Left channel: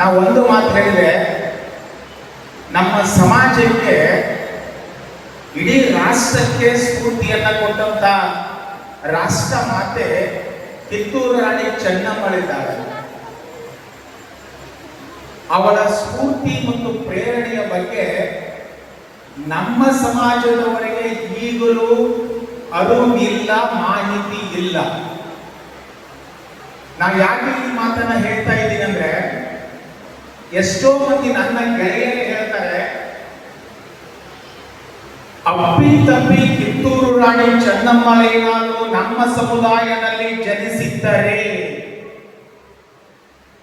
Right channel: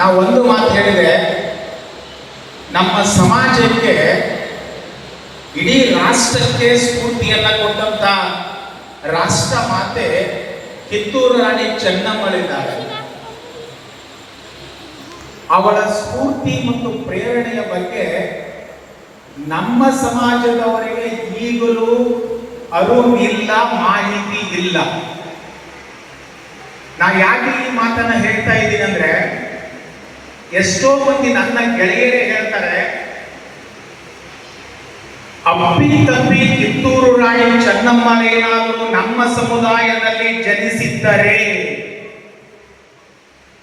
ನಾವು ಒಂದು ಮಾತು ಹೇಳಿದ್ರೆ, ನಮ್ಮ ಸಮಾಜಕ್ಕೆ ಇಡೀ ರಾಷ್ಟ್ರಕ್ಕೆ ಸ್ಫೂರ್ತಿಯನ್ನ ಕೊಟ್ಟಂತ ರಾಷ್ಟ್ರ ಮಾತೆ ಕಿತ್ತೂರು ರಾಣಿ ಚೆನ್ನಮ್ಮಳಿದ್ದಾರೆ. ಅವಳ ಸ್ಫೂರ್ತಿ ಮತ್ತು ಪ್ರೇರಣೆಯ ಬಗ್ಗೆ ನಮ್ಮ ಸಮಾಜದವರಿಗೆ ಈಗಲೂ ಅರಿವಿಲ್ಲ, ಮಾಹಿತಿ ಇಲ್ಲ. ನಾವು ಯಾಕೆ ಈ ಮಾತನ್ನ ಹೇಳ್ತಾ ಇದ್ದೀನಿ ಅಂದ್ರೆ, ಎಷ್ಟೋ ಮಂದಿ ನನ್ನ ಗೆಳೆಯರೇ ಹೇಳ್ತಾರೆ, ಅಪ್ಪಿ ತಪ್ಪಿ ಕಿತ್ತೂರು ರಾಣಿ ಚೆನ್ನಮ್ಮನೇನಾದರೂ ನಮ್ಮ ಸಮುದಾಯದಲ್ಲಿ ಜನಿಸಿದ್ದರೆ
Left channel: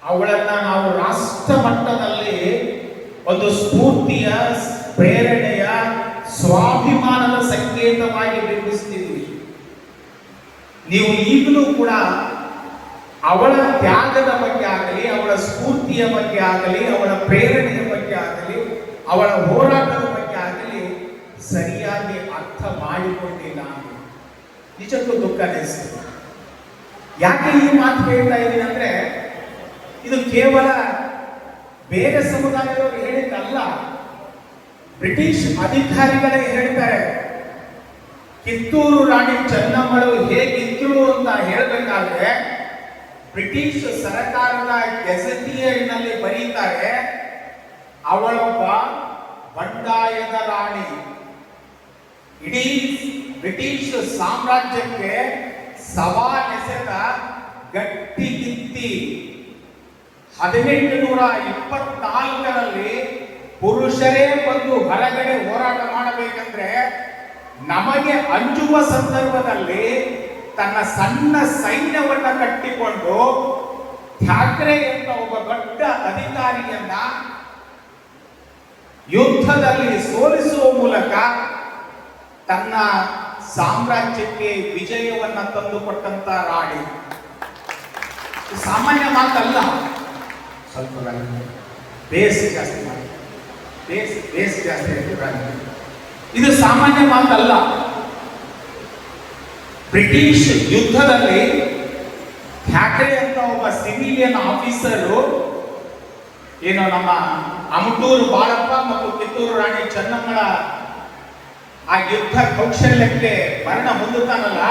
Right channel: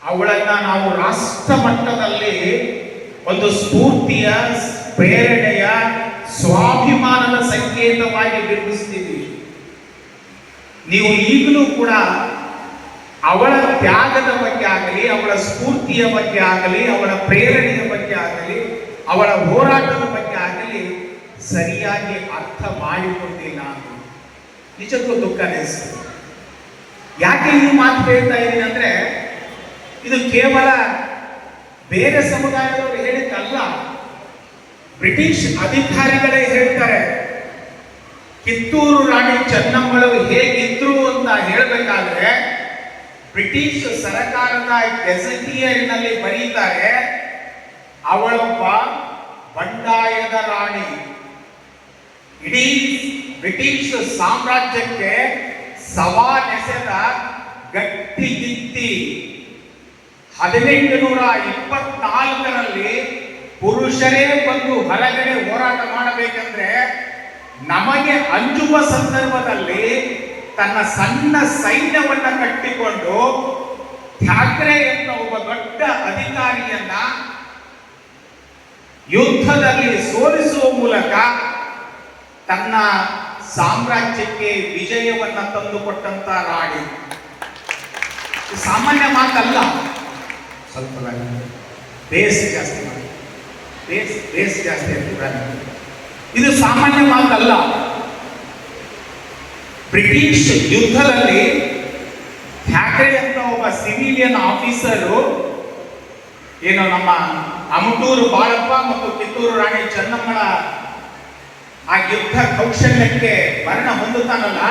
ಅವಳನ್ನ ನಾವು ರಾಷ್ಟ್ರ ಮಟ್ಟದಲ್ಲಿ ಒಂದು ಸ್ಫೂರ್ತಿಯ, ಪ್ರೇರಣೆಯ, ಸ್ವಾಭಿಮಾನದ ಸಂಕೇತವಾಗಿ ಬಿಂಬಿಸ್ತಿದ್ವಿ. ನೀವು ಈಗಲೂ ಕೂಡ ಅವಳ ತ್ಯಾಗದ ಬಗ್ಗೆ ಆಗಲಿ, ಅವಳ ಸ್ಫೂರ್ತಿಯ ಬಗ್ಗೆ ಆಗಲಿ, ಅವಳ ಪ್ರೇರಣೆಯ ಬಗ್ಗೆ ಆಗಲಿ, ಅವಳ ಹೋರಾಟದ ಬಗ್ಗೆ ಆಗಲಿ ಸರಿಯಾಗಿ ಅರ್ಥ ಮಾಡಿಕೊಂಡಿಲ್ಲ. ನಿಜಕ್ಕೂ ದುಃಖ ಅನಿಸ್ತದೆ. ಯಾಕೆ ಈ ಮಾತು ಹೇಳ್ತಾ ಇದ್ದೀನಿ ಅಂದ್ರೆ, ಇದು ಕೇವಲ ಬೇರೆ ಸಮುದಾಯದವರು ಹೇಳಿದ್ದಲ್ಲ, ಬ್ರಿಟಿಷ್ ಅಧಿಕಾರಿಗಳೇ ಹೇಳ್ತಾರೆ. ಕಿತ್ತೂರು ರಾಣಿ ಚೆನ್ನಮ್ಮಳು ಹೇಗಿದ್ರು ಅಂತ ಹೇಳಬೇಕಾದ್ರೆ ಬ್ರಿಟಿಷ್ ಸರ್ಕಾರದ ಗೆಜೆಟಿಯರ್ನಲ್ಲಿ ಬರೀತಾರೆ, ಅವಳೊಬ್ಬ ಬಂಡಾಯದ ರಾಣಿ, ಇಡೀ ಬ್ರಿಟಿಷ್ ಸಾಮ್ರಾಜ್ಯಕ್ಕೆ ಸವಾಲೆಸೆದ ಗಟ್ಟಿಗಿತ್ತಿ. 1824ರಲ್ಲಿ ಪುರುಷರೇ ಬಂದು ಹೊರಗಡೆ ಹೋರಾಟ ಮಾಡಬೇಕಂದ್ರೆ ನಮಗೆ ಅಂಜುವ ಸಂದರ್ಭದಲ್ಲಿ ತನ್ನ ಸಣ್ಣ ಸೈನ್ಯವನ್ನ ಕಟ್ಟಿಕೊಂಡು ಠಾಕ್ರೆ ಎಂಬ ಒಬ್ಬ ದೊಡ್ಡ ಅಧಿಕಾರಿಯನ್ನ ಯುದ್ಧದಲ್ಲಿ ಸೋಲಿಸುವ ಮೂಲಕ ತನ್ನ ಸಾಮ್ರಾಜ್ಯಕ್ಕೆ ವಿಜಯವನ್ನ ತಂದುಕೊಟ್ಟಂತ ರಾಣಿ. ಸಾಮಾನ್ಯ ಮಾತಲ್ಲ. ಸ್ವಲ್ಪ ಬೇಸ್ ಜಾಸ್ತಿ ಮಾಡಿ, ಬೇಸ್ ಜಾಸ್ತಿ ಇರ್ತಿದ್ದಾರೆ. ಇದು ಸಾಮಾನ್ಯ ಮಾತಲ್ಲ. ಬ್ರಿಟಿಷ್ ಯುದ್ಧದಲ್ಲಿ ಠಾಕ್ರೆ ಅಂತ ಒಬ್ಬ ಸಿವಿಲಿಯನ್ ಆಫೀಸರು ಏನು ನಮ್ಮ ಅಮಟೂರು ಬಾಳಪ್ಪ ಮತ್ತು ಕಿತ್ತೂರು ರಾಣಿ ಚೆನ್ನಮ್ಮಳ ಆ ಯುದ್ಧ ಕೌಶಲ್ಯಕ್ಕೆ ಮರಣ ಹೊಂದುತ್ತಾನಲ್ಲ,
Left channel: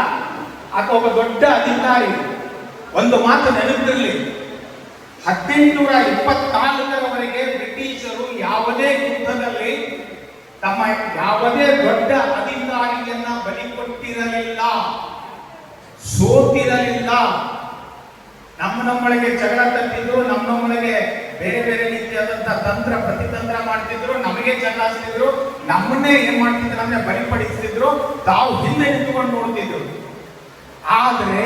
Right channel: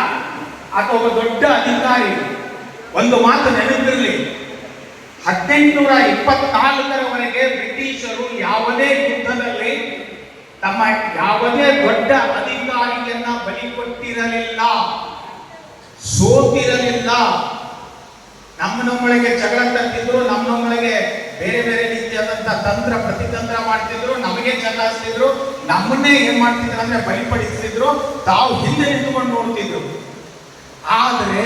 ಆತ ಒಬ್ಬ ದೊಡ್ಡ ಅಧಿಕಾರಿ. ಒಂದು ಮಾತು ನೆನಪಿರಲಿ, 1824ರವರೆಗೆ ಬ್ರಿಟಿಷರು ಯಾವುದೇ ಯುದ್ಧದಲ್ಲಿ ತಮ್ಮ ಯಾವುದೇ ದೊಡ್ಡ ಅಧಿಕಾರಿಯನ್ನ ಬಲಿ ಕೊಟ್ಟಿರಲಿಲ್ಲ, ಸೋತಿರಲಿಲ್ಲ. ನಮ್ಮೊಳಗೆ ಜಗಳ ತಟ್ಟಿದ್ರು, ನಮ್ಮೊಳಗೆ ಬೇರೆ ಬೇರೆ ರೀತಿಯಾದಂತಹ ತಂತ್ರ ಪ್ರತಿತಂತ್ರ ಮಾಡ್ತಿದ್ರು, ನಮಗೆ ಚಲಾಯಿಸ್ತಿದ್ರು, ನಮ್ಮನ್ನೇ ಏನ್ ಮಾಡ್ತಿದ್ರು ಅಂದ್ರೆ ಬಲಿಪಡಿಸ್ತಿದ್ರು, ತಾವು ಹಿಂದೆ ನಿಂತುಕೊಂಡು ನೋಡ್ತಿದ್ರು. ಆದರೆ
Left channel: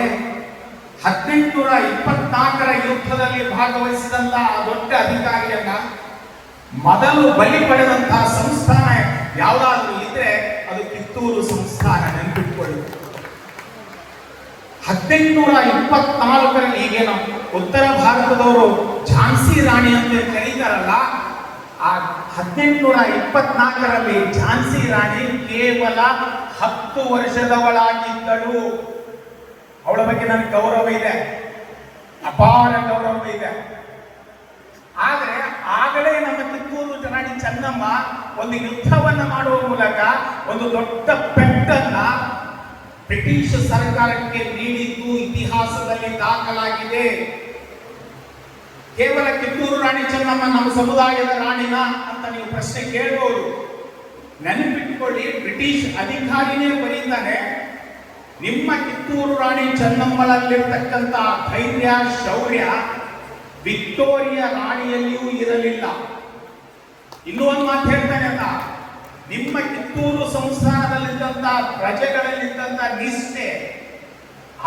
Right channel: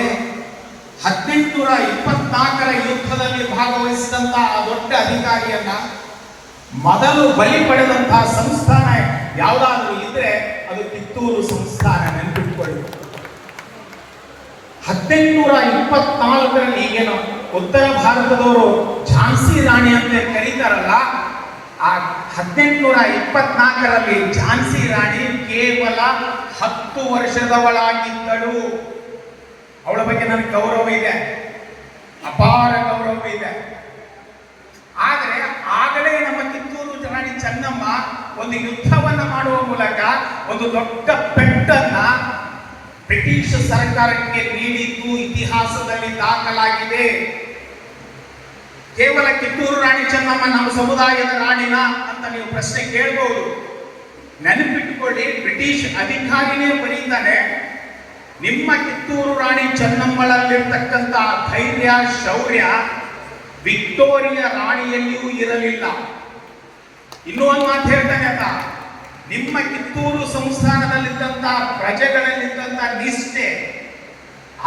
1824ರ ಯುದ್ಧದಲ್ಲಿ ಭಾಗವಹಿಸಿದಂತಹ ಆ ದೊಡ್ಡ ಅಧಿಕಾರಿಯನ್ನ ಮೊದಲು ಬಲಿ ಪಡೆದಂತಹ ಸಂಸ್ಥಾನ ಯಾವುದಾದ್ರೂ ಇದ್ರೆ ಅದು ಕಿತ್ತೂರು ಸಂಸ್ಥಾನ. ನೆನಪಿಟ್ಕೊಳ್ಳಿ. 1824ರಲ್ಲಿ ಈಗೇನು ಉತ್ತರ ಭಾರತದವರು ಝಾನ್ಸಿ ರಾಣಿ ಅಂತ ಕರೀತಾರಲ್ಲ, ಆ 1824ರಲ್ಲಿ ಝಾನ್ಸಿ ರಾಣಿ ಕೇವಲ 10 ವರ್ಷದವಳಾಗಿದ್ದಳು. ಅವಳ ಬಗ್ಗೆ ನನಗೆ ಗೌರವ ಇದೆ, ಅಪಾರ ಗೌರವ ಇದೆ. ಆದರೆ ಆಗಲೇ ನಮ್ಮ ಕಿತ್ತೂರು ರಾಣಿ ಚೆನ್ನಮ್ಮ ಒಂದು ಯುದ್ಧವನ್ನ ಮಾಡುವ ಮೂಲಕ ಒಂದು ದೊಡ್ಡ ಪೆಟ್ಟನ್ನ ಬ್ರಿಟಿಷ್ ಸರ್ಕಾರಕ್ಕೆ ನೀಡಿದ್ದು ಇತಿಹಾಸದಲ್ಲಿ ದಾಖಲಾಗಿದೆ. ಕೇವಲ ಕಿತ್ತೂರು ರಾಣಿ ಚೆನ್ನಮ್ಮ ನಮ್ಮ ಸಮುದಾಯದ ರಾಣಿನ ಅಂತ ನೀವು ಪ್ರಶ್ನೆ ಕೇಳಬಹುದು. ನೆನಪಿಟ್ಟುಕೊಳ್ಳಿ, ಬ್ರಿಟಿಷ್ ಅಧಿಕಾರಿನೇ ಬರೀತಾನೆ, ನಿಮ್ಮ ಕಿತ್ತೂರು ರಾಣಿ ಚೆನ್ನಮ್ಮಳಲ್ಲಿರ್ತಕ್ಕಂಥ ಧೈರ್ಯ, ಶೌರ್ಯ ವಿಕ್ಟೋರಿಯಾ ರಾಣಿಯಲ್ಲಿಯೂ ಇರಲಿಲ್ಲ. ಇನ್ನೂ ಒಂದು ಮಾತು ಹೇಳ್ತಾನೆ ಅಂತ, ನಿಮ್ಮ ಕಿತ್ತೂರು ಸಂಸ್ಥಾನದಲ್ಲಿದ್ದಂಥ ಪ್ರಜೆಗಳಲ್ಲಿದ್ದಂಥ ನಿಷ್ಠೆ,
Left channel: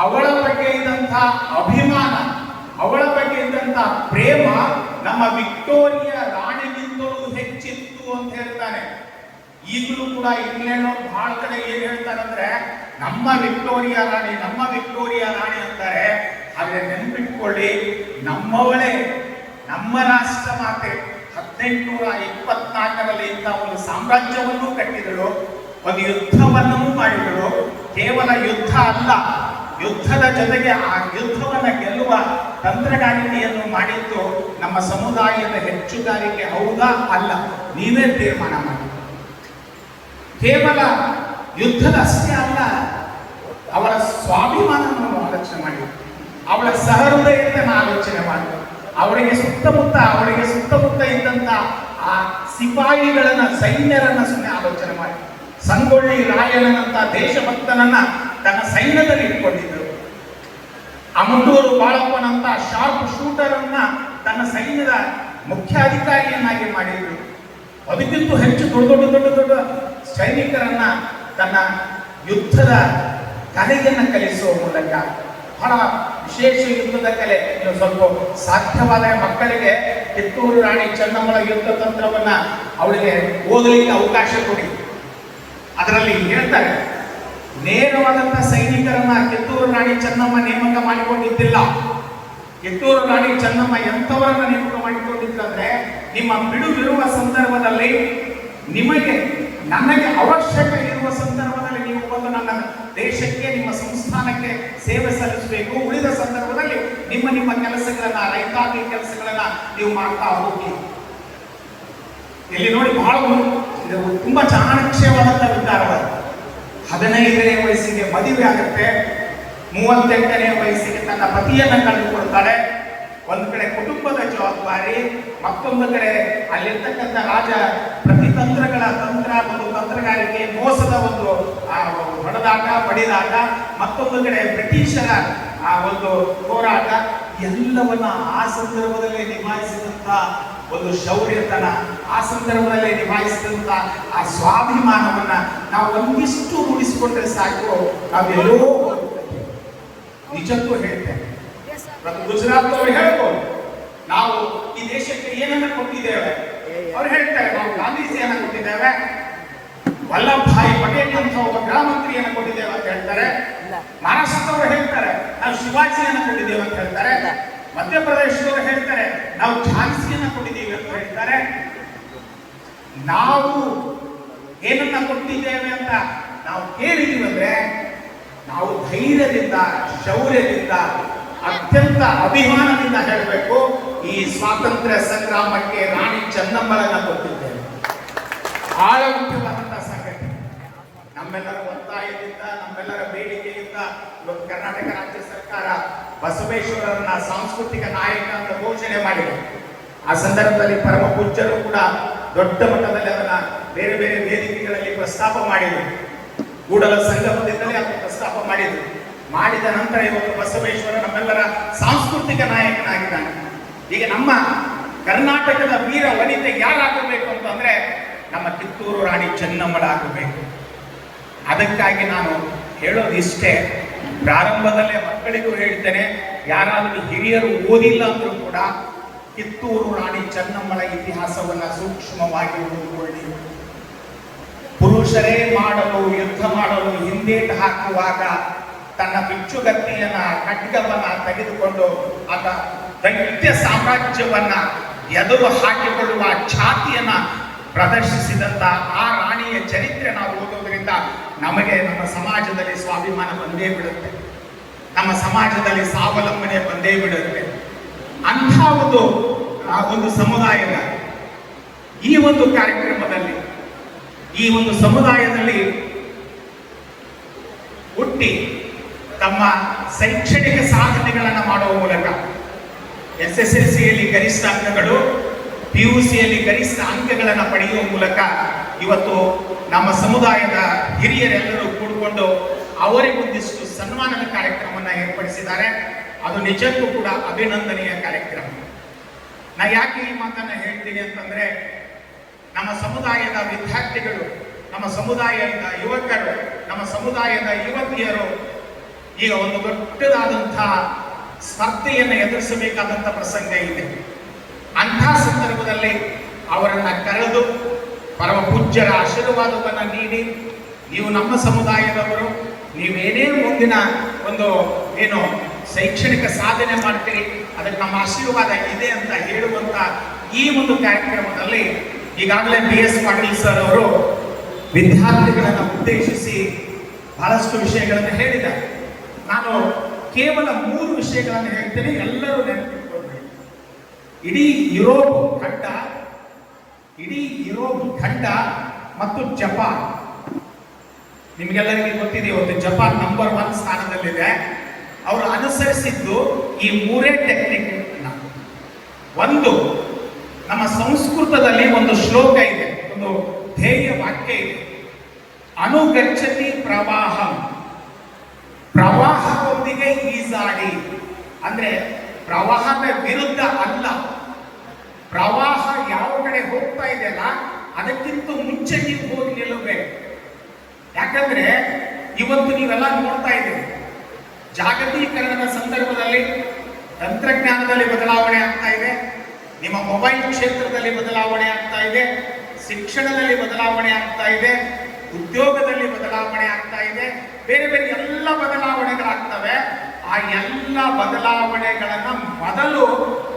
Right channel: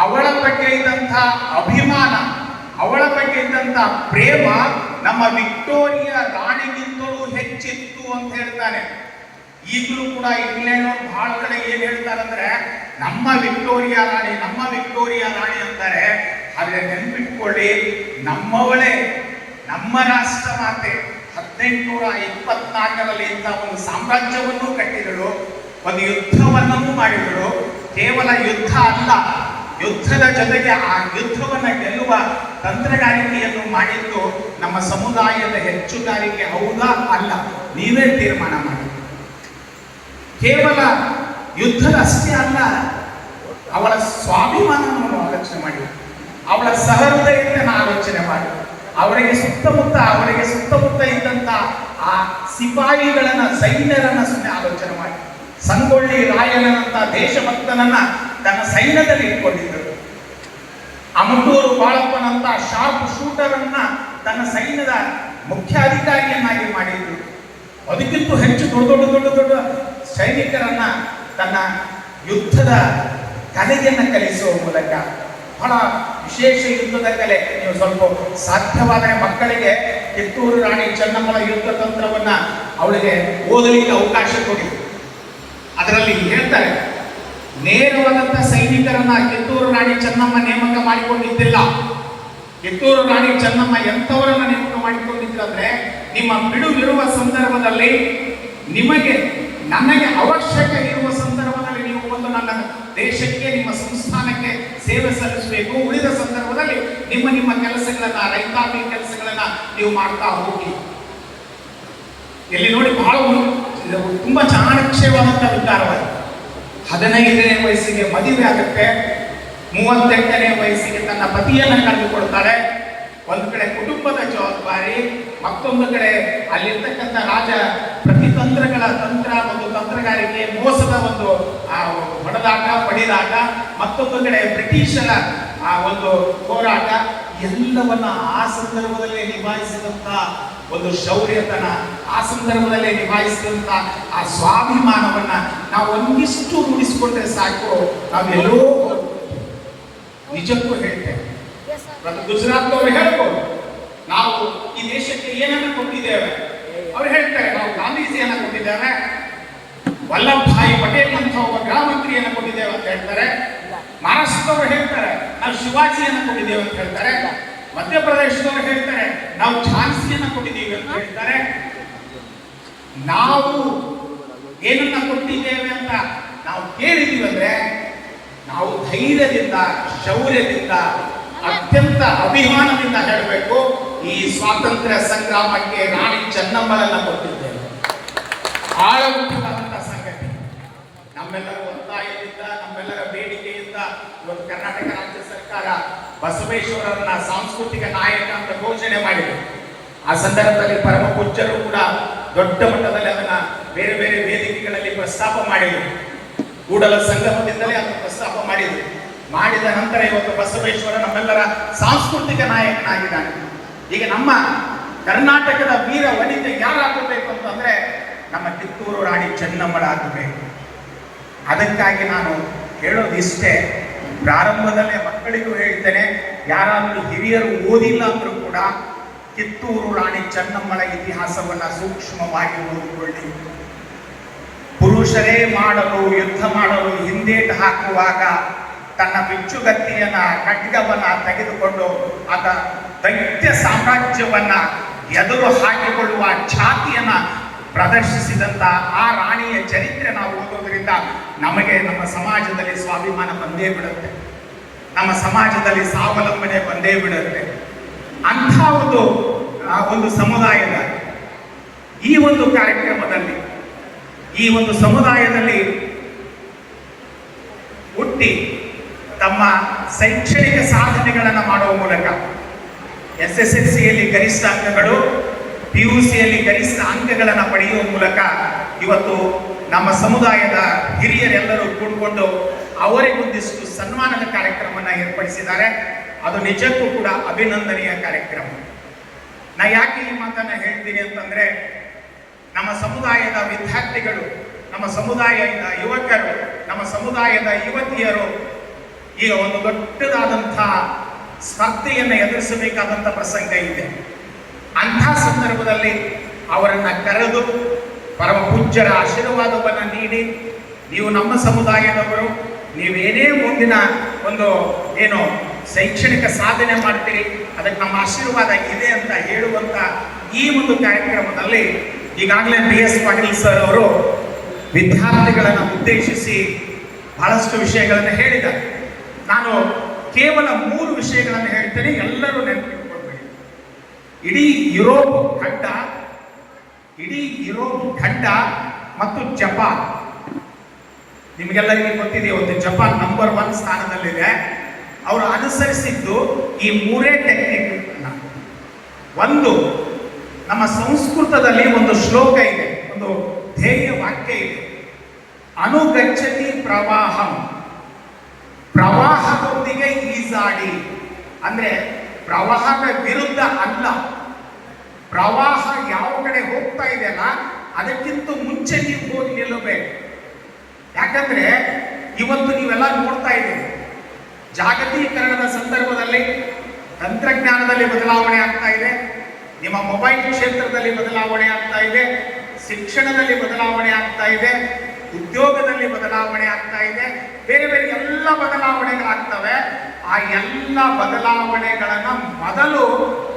ಅವಳ ಬಗ್ಗೆ ಇದ್ದಂಥ ಅಭಿಮಾನ, ಅವಳ ಬಗ್ಗೆ ಇದ್ದಂಥ ಪ್ರೇಮ ನಮ್ಮ ವಿಕ್ಟೋರಿಯಾ ರಾಣಿಗಿಂತಲೂ ಹೆಚ್ಚಿತ್ತು ಅಂತ ಹೇಳ್ತಾನೆ. ಈಗಲೂ ಕೂಡ ಇಂಗ್ಲೆಂಡ್ ಬಹಳ ಕಡೆ ಏನ್ ಹೇಳ್ತಾರಂದ್ರೆ ನಮ್ಮ ವಿಕ್ಟೋರಿಯಾ ರಾಣಿ, ನಮ್ಮ ವಿಕ್ಟೋರಿಯಾ ರಾಣಿ ಅಂತಾರೆ. ಆದ್ರೆ ನೆನ್ಪಿಟ್ಕೊಳ್ಳಿ, ನಮ್ಮವಳೇ, ನಮ್ಮ ರಾಷ್ಟ್ರ ಮಾತೆ 1824ರಲ್ಲಿ ಇಂಥ ಒಂದು ಸಾಮ್ರಾಜ್ಯವನ್ನು ಕಟ್ಟಿದಳು, ಒಂದು ಯುದ್ಧವನ್ನು ಮಾಡಿದಳು. ಕೇವಲ ಯುದ್ಧ ಅಲ್ಲ, ಯುದ್ಧದ ಜೊತೆಗೆ ಆ ಯುದ್ಧವನ್ನು ಗೆಲ್ಲುವ ತಂತ್ರಗಾರಿಕೆಯನ್ನು ಮಾಡಿದ್ದು ನಮ್ಮ ಸಮುದಾಯದ ಹೆಚ್ಚುಗಾರಿಕೆ ಹೌದಾ ಅಲ್ಲ, ನೀವೇ ತೀರ್ಮಾನ ಮಾಡಿ. ಕೇವಲ ಯುದ್ಧದ ಅಷ್ಟೇ ಅಲ್ಲ, ಅವಳ ಸ್ವಾಭಿಮಾನವನ್ನು ಆಲೋಚನೆ ಮಾಡಿ, ಅವಳ ಸಹೃದಯತೆಯನ್ನು ಆಲೋಚನೆ ಮಾಡಿ, ಅವಳಿಗೆ ಸುತ್ತಮುತ್ತ ಇದ್ದಂತ ಆ ಸಿಪಾಯಿಗಳನ್ನ, ಸೈನ್ಯರನ್ನ ಸುಮ್ಮನೆ ಆಲೋಚನೆ ಮಾಡಿ. ಸಂಗೊಳ್ಳಿ ರಾಯಣ್ಣನಂತ ದೇಶಭಕ್ತನನ್ನ ತನ್ನ ಸೈನ್ಯದಲ್ಲಿ ಇಟ್ಕೊಂಡಿದ್ದರು. ಅಮಟೂರು ಬಾಳಪ್ಪನಂತ ಶಾರ್ಪ್ ಶೂಟರ್ ಅನ್ನ ತನ್ನ ಸೈನ್ಯದ ಮುಖ್ಯಾಧಿಕಾರಿಯನ್ನಾಗಿ ಮಾಡಿದ್ರು. ಅದಕ್ಕಿಂತ ಹೆಚ್ಚು ದೊಡ್ಡ ಸೈನಿಕರನ್ನ ತನ್ನ ಯುದ್ಧದ ಕಲೆಯನ್ನು ಕಲಿಸುವ ಮೂಲಕ, ಬಹಳ ವಿಶೇಷ ಯುದ್ಧದ ಕಲೆ. ನೀವು ಸ್ವಲ್ಪ ಸಾಧ್ಯವಾದ ಮಕ್ಕಳಿಗೆ ಕಿತ್ತೂರು ರಾಣಿ ಚೆನ್ನಮ್ಮಳ ಯುದ್ಧ ತಂತ್ರವನ್ನ ಅವಳಿಗೆ ಓದಲಿಕ್ಕೆ ಅವಕಾಶ ಕೊಡಿ. ಅದರಲ್ಲಿ ಹೇಳ್ತಾರೆ, ನೇರವಾದಂಥ ಸೈನಿಕರನ್ನ ಕಿತ್ತೂರು ರಾಣಿ ಚೆನ್ನಮ್ಮ ನೇಮಕ ಮಾಡಿಕೊಂಡಿದ್ದಿಲ್ಲ. ಕಿತ್ತೂರು ರಾಣಿ ಚೆನ್ನಮ್ಮ ಎಂಥವರನ್ನ ನೇಮಕ ಮಾಡಿಕೊಂಡಿದ್ದಂದ್ರೆ, ನಿಮ್ಮ ಬಿಡುವಿರುವ ಸಂದರ್ಭದಲ್ಲಿ, ನನಗೆ ಅವಶ್ಯಕ ಇರುವ ಸಂದರ್ಭದಲ್ಲಿ ನೀವು ಬಂದು ನನ್ನ ದೇಶಕ್ಕೆ, ನಿಮ್ಮ ಸಂಸ್ಥಾನಕ್ಕೆ ಸೇವೆ ಸಲ್ಲಿಸಬೇಕು. ಉಳಿದ ಸಂದರ್ಭದಲ್ಲಿ ನಿಮ್ಮ ಕೆಲಸಗಳನ್ನ, ರೈತಾಪಿ ಕೆಲಸಗಳನ್ನ ನೀವು ಮಾಡ್ತಾ ಹೋಗಿ. ಇಲ್ಲಿ ನೋಡಿ, ಬಹಳ ತುಂಬಾ ಚಾಣಾಕ್ಷವಾದಂಥ ವಿಚಾರವಾದ. 15ನೇ ವಯಸ್ಸಿಗೆ ಮದುವೆ ಆಗುತ್ತೆ, 38ನೇ ವಯಸ್ಸಿಗೆ ತನ್ನ ಪತಿಯನ್ನ ಕಳೆದುಕೊಳ್ತಾಳೆ. ಒಂದ್ ಕಡೆ ಕುಟುಂಬದ ಜವಾಬ್ದಾರಿ, ಮತ್ತೊಂದು ಕಡೆ ಅಲ್ಲಿರ್ತಕ್ಕಂಥ ರಾಜ ಪ್ರತಿತಂತ್ರಗಳ ತಂತ್ರಗಾರಿಕೆ, ಮೋಸದ ಒಂದು ಹೊಡೆದಾಟ ಪಡಿದಾಟ, ಮತ್ತೊಂದು ಕಡೆ ಬ್ರಿಟಿಷರ ಒಂದು ಹೋರಾಟ, ಎಲ್ಲವನ್ನ ಆ ಸಂದರ್ಭದಲ್ಲಿ ನಿಭಾಯಿಸಿದಂತ ಒಂದು ಶೌರ್ಯತನ, ಆ ಸಂದರ್ಭದಲ್ಲಿ ನಿಭಾಯಿಸಿದಂತ ಆ ಸ್ವಾಭಿಮಾನವನ್ನ ನಾವು ಒಂದಿಷ್ಟು ರೂಢಿಸಿಕೊಂಡ್ರೆ ಸಾಕು, ನಾವೆಲ್ಲೋ ನಿಜಕ್ಕೂ ಹೇಳ್ತೇವೆ. ಗುಜರಾತ್ ಅವರು ಹೇಳ್ಬೋದು, ನಾವು ಈ ದೇಶಕ್ಕೆ ಏನನ್ನು ಕೊಟ್ಟಿದ್ದೇವೆ. ಅವ್ರು ಹೇಳ್ತಾರೆ, ನಾವು ಗಾಂಧೀಜಿಯನ್ನು ಕೊಟ್ಟಿದ್ದೇವೆ, ವಲ್ಲಭಭಾಯಿ ಪಟೇಲ್ ಅಂತ ಒಬ್ಬ ಗೃಹ ಮಂತ್ರಿಯನ್ನು ಕೊಟ್ಟಿದ್ದೇವೆ ಅಂತ ಹೇಳ್ತಾರೆ. ಮಹಾರಾಷ್ಟ್ರದವರು ಹೇಳ್ತಾರೆ, ನಾವು ಶಿವಾಜಿಯನ್ನು ಕೊಟ್ಟಿದ್ದೇವೆ ಅಂತ ಹೇಳ್ತಾರೆ. ಮಧ್ಯಪ್ರದೇಶದವರು ಹೇಳ್ತಾರೆ, ನಾವು ಝಾನ್ಸಿಯನ್ನು ಕೊಟ್ಟಿದ್ದೀವಿ ಅಂತ ಹೇಳ್ತಾರೆ. ನಾವು ಏನನ್ನ ಕೊಟ್ಟಿದ್ದೇವೆ ಅಂತ ನಾವು ಕೇಳಿದ್ದೀವಿ ಅಂದ್ರೆ, ನಾವು ಧೈರ್ಯದಿಂದ, ಶೌರ್ಯದಿಂದ, ಅತ್ಯಂತ ಅಭಿಮಾನದಿಂದ ಹೇಳಬೇಕು, ಈ ಸ್ವಾತಂತ್ರ್ಯ ಸಂಗ್ರಾಮಕ್ಕೆ ರಾಣಿ ಚೆನ್ನಮ್ಮರನ್ನ ಕೊಟ್ಟಿದ್ದೇವೆ. ಬಹಳ ಮುಖ್ಯವಾದಂತಹ ಸಂಗತಿ. ನಮ್ಮೆಲ್ಲರ ಒತ್ತಾಯದಿಂದ, ನಮ್ಮೆಲ್ಲರ ಬೇಡಿಕೆಯಿಂದ ಇವತ್ತು ಕರ್ನಾಟಕ ರಾಜ್ಯ ಸರ್ಕಾರ ಬಸವೇಶ್ವರರನ್ನ ಸಾಂಸ್ಕೃತಿಕ ನಾಯಕ ಅಂತ ಘೋಷಣೆ ಮಾಡಿದೆ. ಆ ಸಂದರ್ಭದಲ್ಲಿ ಪರಮ ಪೂಜ್ಯರು ಕೂಡ ದೊಡ್ಡ ಮಟ್ಟದಲ್ಲಿ ಅದನ್ನ ಬೇರೆ ಬೇರೆ ವೇದಿಕೆಗಳಲ್ಲಿ ಪ್ರಸ್ತಾಪ ಮಾಡಿದರು. ಕೂಡಲ ಸಂಗಮದಿಂದಲೇ ಅದನ್ನು ಪ್ರಸ್ತಾಪ ಮಾಡಿದ ನಂತರ ಇವತ್ತು ಬಸವೇಶ್ವರ ನಮ್ಮೆಲ್ಲರ ಸಾಂಸ್ಕೃತಿಕ ನಾಯಕನಾಗಿದ್ದಾನೆ. ಈಗ ನಮ್ಮ ಕರ್ನಾಟಕದ ವೀರ ವನಿತೆ ಯಾರಾಗಬೇಕು ಅಂತಂದ್ರೆ ನಮ್ಮ ಕಿತ್ತೂರು ರಾಣಿ ಚೆನ್ನಮ್ಮಳಾಗಬೇಕು. ಅದಕ್ಕಾಗಿ ನಾನು ಹೇಳೋದಿಷ್ಟೇ, ಪ್ರಾರಂಭದಲ್ಲೇ ಮಕ್ಕಳಿಗೂ ಹೇಳ್ತೇನೆ, ಯಾರಾದರೂ ಹಿರಿಯರು ಓದಿಲ್ಲ ಅಂದ್ರೂ ಕೂಡ ಕಿತ್ತೂರು ರಾಣಿ ಚೆನ್ನಮ್ಮಳ ಇತಿಹಾಸವನ್ನ ಸೂಕ್ಷ್ಮವಾಗಿ ಓದಿಕೊಳ್ಳಿ. ಪುರುಷರೇ ಯುದ್ಧ ಮಾಡಲು ಹಿಂದೇಟು ಹಾಕುವಾಗ ತನ್ನ ಬಿಚ್ಚುಗತ್ತಿಯನ್ನ, ಖಡ್ಗವನ್ನ ತೆಗೆದುಕೊಂಡು ಆತ ದೈತ್ಯ ಸಾಮ್ರಾಜ್ಯವನ್ನ ಎದುರು ಹಾಕಿಕೊಳ್ಳುವ ಛಾತಿಯನ್ನ ಪ್ರದರ್ಶಿಸಿದಂತ ಆ ರಾಣಿಯ ಚರಿತ್ರೆ ನಾವು ಓದೋದ್ರಿಂದ ನಮಗೆ ನಮ್ಮ ಸಮಾಜದಲ್ಲಿ ಸ್ವಾಭಿಮಾನ ಬಂದೇ ಬಿಡುತ್ತೆ, ನಮ್ಮ ಸಮಾಜದಲ್ಲಿ ಸ್ವಾವಲಂಬನೆ ಬಂದೇ ಬಿಡುತ್ತೆ. ಅಂಥ ಒಂದು ಸಮುದಾಯದ ಈ ಒಂದು ಕಾರ್ಯಕ್ರಮದಲ್ಲಿ, ಈ ಒಂದು ಸಮುದಾಯದಲ್ಲಿ ಹುಟ್ಟಿ ತಮ್ಮ ಶೈಕ್ಷಣಿಕ ಸಾಧನೆಗಳನ್ನು ಮಾಡುವ ಮೂಲಕ SSLCಯಲ್ಲಿ ಗರಿಷ್ಠ ಅಂಕಗಳು, PUCಯಲ್ಲಿ ಗರಿಷ್ಠ ಅಂಕಗಳನ್ನು ಪಡೆಯುವ ಮೂಲಕ ಇವತ್ತು ನಮ್ಮ ಸಮುದಾಯದ ಹಿರಿಯರೆಲ್ಲರೂ ಕೂಡಿಕೊಂಡು ಅವರಿಗೊಂದಿಷ್ಟು ಸನ್ಮಾನದ ಕಾರ್ಯಕ್ರಮವನ್ನು ಏರ್ಪಡಿಸಿದ್ದಾರೆ. ಅದು ನಿಜಕ್ಕೂ ಕೂಡ ಅಭಿನಂದನೀಯ ಕಾರ್ಯಕ್ರಮ. ನಾ ಯಾಕೆ ಈ ಮಾತನ್ನ ಹೇಳ್ತೀನಿ ಅಂತಂದ್ರೆ, ನಮ್ಮ ಸಮುದಾಯದ ವಿದ್ಯಾರ್ಥಿಗಳು, ನಮ್ಮ ಸಮುದಾಯದ ಯುವಕರು, ನಮ್ಮ ಸಮುದಾಯದ ಯುವತಿಯರು ಈಗ ಒಂದು ದೊಡ್ಡದಾದಂತಹ ಸ್ಪರ್ಧೆಯನ್ನು ಎದುರಿಸಬೇಕಾದಂಥ ಪ್ರಸಂಗ ಇದೆ. ಅಂಥ ಸಂದರ್ಭದಲ್ಲಿ ಅವರನ್ನ ಕರೆದು ಪರಮ ಪೂಜ್ಯರ ಆಶೀರ್ವಾದವನ್ನು ನೀಡಿ, ನೀವು ನಮ್ಮ ಸಮುದಾಯದವರು, ನೀವೇನೇ ಮುಂದಿನ ಒಂದು ಶೈಕ್ಷಣಿಕ ಸಾಧನೆ ಮಾಡ್ತೀರಿ, ಅದಕ್ಕೆ ನಮ್ಮ ಆಶೀರ್ವಾದ ಇದೆ ಅಂತ ಹೇಳುವಂತ ಈ ಒಂದು ಕಾರ್ಯಕ್ರಮದಲ್ಲಿ ಈಗಾಗಲೇ BS ಪಾಟೀಲ್ ಸರ್ ಅವರು ವಿದ್ಯಾರ್ಥಿಗಳನ್ನು ಉದ್ದೇಶಿಸಿ ಬಹಳಷ್ಟು ವಿಷಯಗಳನ್ನು ಹೇಳಿದ್ದಾರೆ. ನಾನು ಕೇವಲ 3 ವಿಷಯಗಳನ್ನು ಹೇಳ್ತೇನೆ, ಎಲ್ಲರೂ ನೆನಪಿಟ್ಕೊಳ್ಬೇಕು. ಇಡೀ ಯುರೋಪ್ ಖಂಡ ಮತ್ತು ಜಪಾನ್, ನಿಮಗೆಲ್ಲರಿಗೂ ಗೊತ್ತಿದೆ, ಇವತ್ತು ಜಪಾನ್ ನಂಬರ್ 1 ಸ್ಥಾನದಲ್ಲಿದೆ. ಅವರು ಅನುಸರಿಸಿದ್ದು ಈ 3 ಟೆಕ್ನಿಕ್. ಒಂದು, ನಮ್ಮ ಸಂಸ್ಕೃತದಲ್ಲಿ ಒಂದು ಶ್ಲೋಕ ಇದೆ, ಒಂದು ಧ್ಯೇಯ ವಾಕ್ಯ ಇದೆ, ಅನುಗಚ್ಚತಿ ಪ್ರವಾಹಂ, ಪ್ರವಾಹದೊಂದಿಗೆ ಈಜಾಡಿ. ಅಂದ್ರೆ ಪ್ರವಾಹದ ವಿರುದ್ಧ ಅಲ್ಲ, ಪ್ರವಾಹ ಯಾವ ಕಡೆ ಹೋಗ್ತಾ ಇದೆಯಲ್ಲ ಅದಕ್ಕಿಂತ ಮುಂಚೆ ನೀವು ಹೋಗಿ ನಿಲ್ಲಬೇಕು. ಯಾಕಂದ್ರೆ ಇವತ್ತು ನೀವೆಲ್ಲ ನೋಡ್ತಾ ಇದ್ದೀರಿ, ಜಾಗತೀಕರಣದ ಸಂದರ್ಭದಲ್ಲಿ ತಂತ್ರಜ್ಞಾನದಲ್ಲಿ ಬದಲಾವಣೆ ಆಗ್ತಾ ಇದೆ, ನಿಮ್ಮ ಮೊಬೈಲ್ ಕ್ಷೇತ್ರದಲ್ಲಿ ಬದಲಾವಣೆ ಆಗ್ತಾ ಇದೆ, ಶಿಕ್ಷಣದಲ್ಲಿ ಬದಲಾವಣೆ ಆಗ್ತಾ ಇದೆ, ಉದ್ಯೋಗದಲ್ಲಿ ಬದಲಾವಣೆ ಆಗ್ತಾ ಇದೆ, ಬೇರೆ ಬೇರೆ ಎಲ್ಲ ಬದಲಾವಣೆಗಳಾಗ್ತವೆ. ಆ ಎಲ್ಲ ಬದಲಾವಣೆಗಳನ್ನ ಮೊದಲು